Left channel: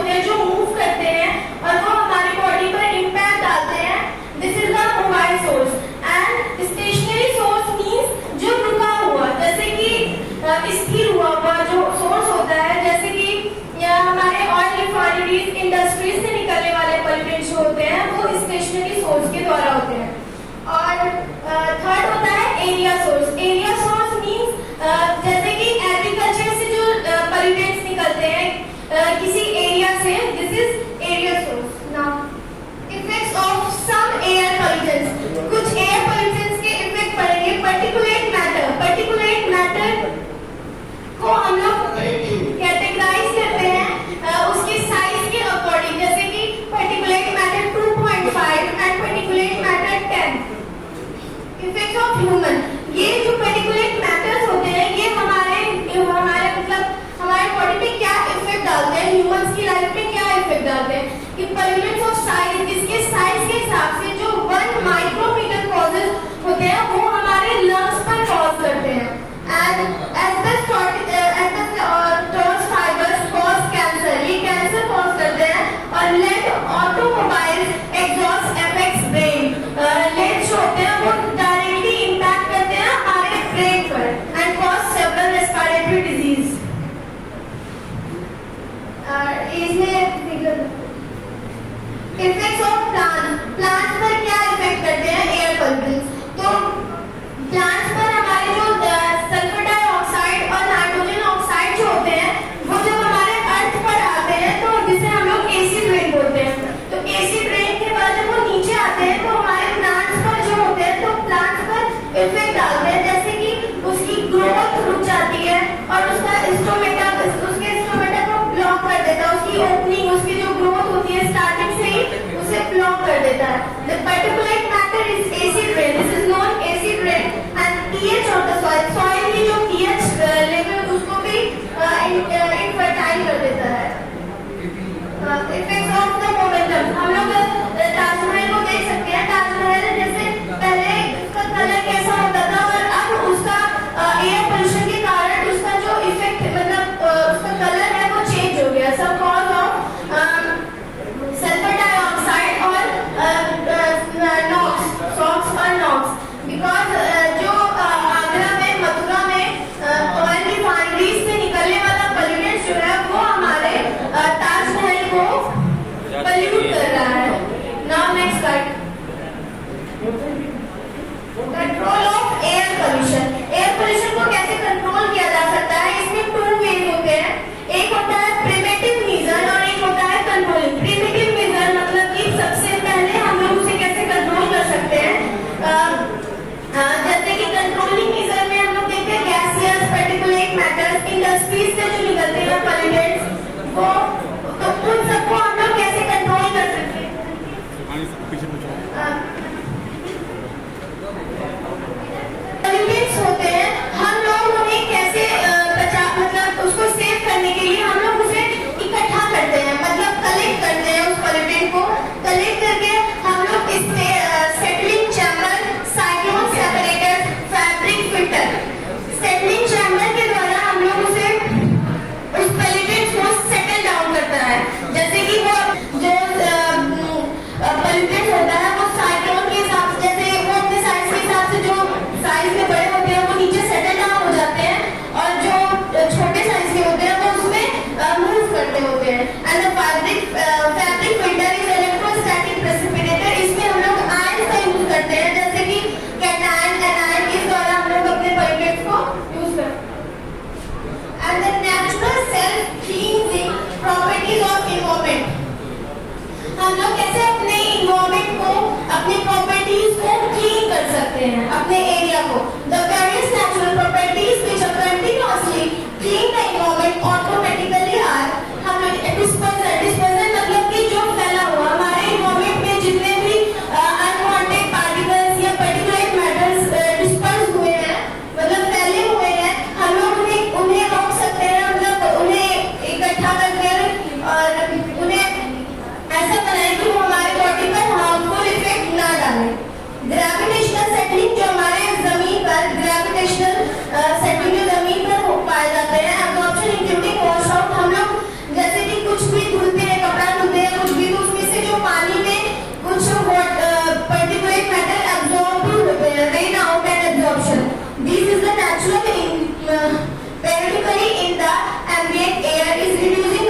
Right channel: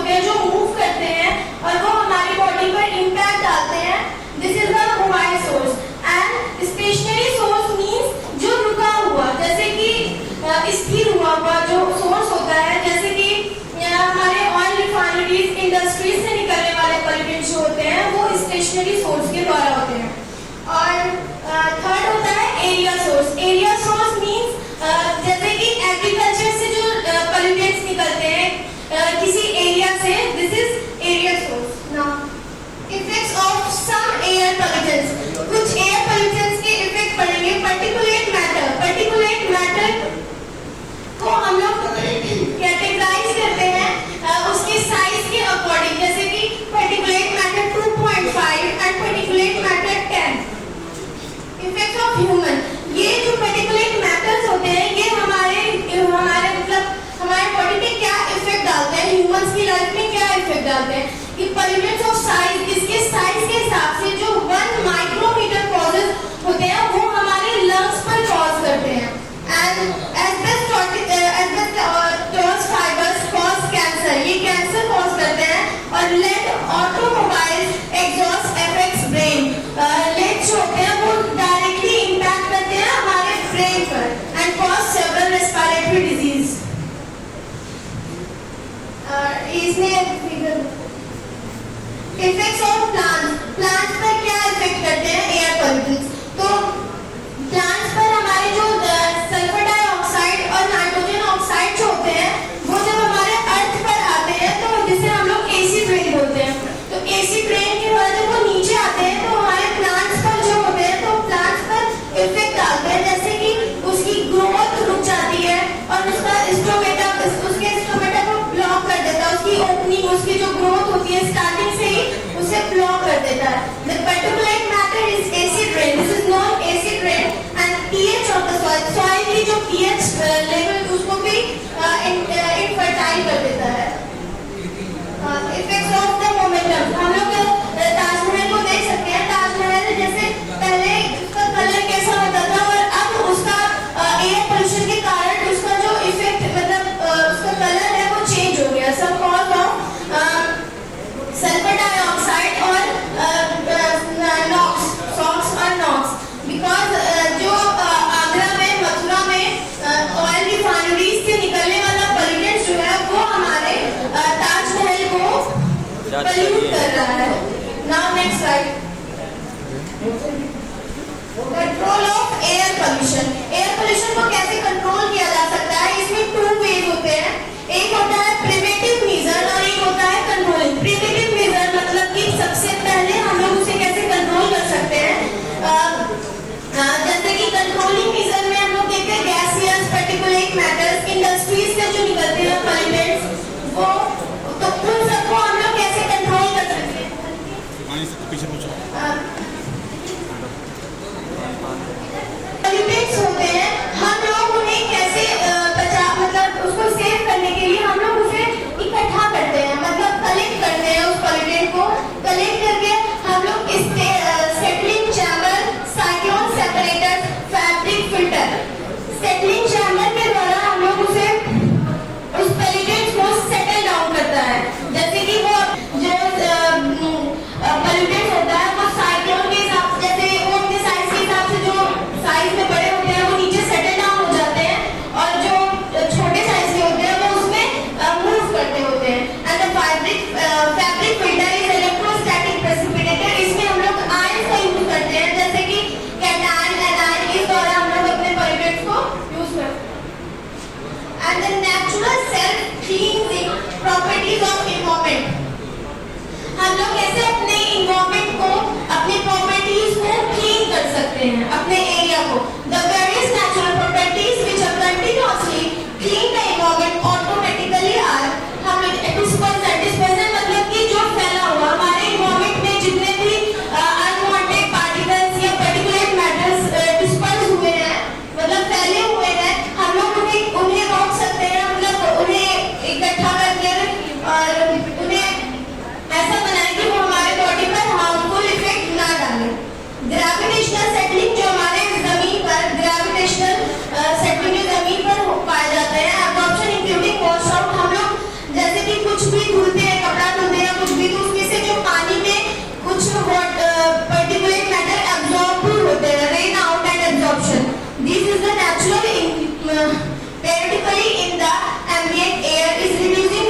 होते हैं जो मूव करते हैं और वो हमारी बॉडी पर इम्पैक्ट डालते हैं। This is the mobile source. And stationary source means जो रुका हुआ, जैसे कि स्थिर हुआ जो सोर्स होता है, जैसे कि हमारे ऑयल रिफाइनरीज, इंडस्ट्रीज से निकलने वाले पॉल्यूटेंट्स होते हैं वो स्टेशनरी सोर्स के द्वारा होते हैं। और थर्ड होता है area source. Area source means जैसे कि एग्रीकल्चर से जो पॉल्यूटेंट्स निकलते हैं किसी एरिया से, this is area source. Now effects of some air pollutants. कुछ एयर पॉल्यूटेंट्स के इफेक्ट पड़ेंगे। Particulate matter. पर्टिकुलेट मैटर को हम लोग कैटेगराइज करते हैं उसके साइज के अकॉर्डिंग, जैसे कि particulate matter 2.5 and particulate matter 10। Effect of human. ये जो पर्टिकुलेट मैटर्स होते हैं ये हमारे मतलब हमारे बॉडी पे क्या इफेक्ट डालते हैं, ह्यूमंस की लाइफ में क्या इफेक्ट डालते हैं। कि पॉल्यूटेंट्स ऑफ साइज, इसके साइज के हिसाब से जो 1 माइक्रोमीटर कॉजेज होते हैं वो हमारे लंग्स पर कॉज करते हैं। एंड फाइबर्स कॉज कैंसर, ये कैंसर कॉज करते हैं। और lead automobiles exhaust effects brain. Lead जो होते हैं वो डायरेक्टली इम्पैक्ट करते हैं हमारे ब्रेन पर and cause several respiratory disease. Effects of plants. Plants पर क्या इफेक्ट करते हैं एयर पॉल्यूटेंट्स। तो प्लांट्स पर हमारे जो सल्फर डाइऑक्साइड और नाइट्रोजन ऑक्साइड जो होते हैं वो जब हमारे अर्थ पर आते हैं तो जिसे हम लोग एसिड रेन बोलते हैं। तो एसिड रेन के बाद जब वो नीचे आते हैं तो हमारे प्लांट्स पर जो होते हैं तो प्लांट्स पर इफेक्ट डालते हैं, जैसे कि उसकी ग्रोथ रुक जाती है और उसका स्टोमेटा को ब्लॉक कर देता है। उसकी ओपनिंग, उसकी जो ग्रोथ होती है स्टार्टिंग से ही उसे ब्लॉक कर देता है। The particulate matter is acid rain. This is known acid rain. And pH of the soil. Soil की जो पीएच लेवल उसको भी इनफर्टाइल कर देता है। Effects of the momentum. हम लोग ताजमहल को देख सकते हैं। ताजमहल जैसे पहले उसका कलर कैसा होता था और अब उसका एयर पोल्यूशन के कारण उसका जो इफेक्ट मतलब उसका कलर है वो चेंज हो गया। सब कॉज ऑफ सल्फर डाइऑक्साइड और सॉक्स और नॉक्स। बिकॉज जो आगरा में, मथुरा में ऑयल रिफाइनरीज से निकलने वाला पॉल्यूटेंट जो है वो हमारे ताजमहल को पॉल्यूट कर रहा है। Now next slide. Control of air pollution. Air pollution को कैसे कंट्रोल किया जा सकता है, इसमें 2 वेज होते हैं। एक होता है प्रिवेंटिव मेजर और एक होता है कंट्रोलिंग। प्रिवेंटिव मेजर मतलब कि सबसे पहले हम लोग उसे कैसे कंट्रोल कर सकते हैं। जैसे कि कंट्रोलिंग मेजर में हम लोग देखते हैं गैसियस, पर्टिकुलेट मैटर्स, इंडस्ट्रीज से जो निकलते हैं पॉल्यूटेंट्स वो, तो उन सबको हम लोग कैसे कंट्रोल कर सकते हैं। पॉल्यूटेंट्स होते हैं, हम लोग उन्हें कैसे मतलब उसको सेव करने के लिए हम लोग उसे इकट्ठा करते हैं, मतलब कलेक्ट करते हैं। उस पॉल्यूटेंट को कलेक्ट करके हम लोग इससे settling chamber, cyclone separator, fabric filter, settling chamber के द्वारा हम लोग उसे उस पॉल्यूटेंट को सेटल डाउन करता है। जैसे कि वो जो पॉल्यूटेंट होता है वो साइक्लोन के हिसाब से, जैसे वो अपने साइज के हिसाब से जो साइज में बड़े होते हैं वो नीचे सेटल डाउन हो जाते हैं और जो छोटे साइज के होते हैं वो उसमें मूव करते होते हैं। And the fabric filter is electrostatic precipitator. इसमें हम लोग आयंस का यूज करते हैं, जैसे कि कैटायन, एनायन, इस द्वारा हम लोग अपने पॉल्यूटेंट्स को यूज करते हैं। And the natural self cleansing properties of environment. हम लोग कैसे अपने एनवायरनमेंट को, अपने प्रॉपर्टीज को क्लीन कर सकते हैं, अपने एरिया को। The various natural properties which are continuously clean the environment automatically are हम डिस्पर्जन मतलब कि जो फैला हुआ हमारे एनवायरनमेंट में जितने भी अनवांटेड पार्टिकल्स या पर्टिकुलेट मैटर्स डिस्पर्स हुए हैं, मतलब फैले हुए हैं, हम लोग उन्हें रोक सकते हैं। हम लोग उन्हें इकट्ठा करके और उन्हें ऐसा बनाएं कि वो हमारे बॉडी पर हार्मफुल इफेक्ट ना डालें। ग्रेविटेशनल सेटलिंग, जो हमारे जमीन पर ग्रेविटेशनल सेटलिंग जो जमीन पर पाए जाते हैं। Absorption including wash out. हम लोग जैसे कि कुछ भी धुलते हैं This is the natural periodically in the ambient air is reducing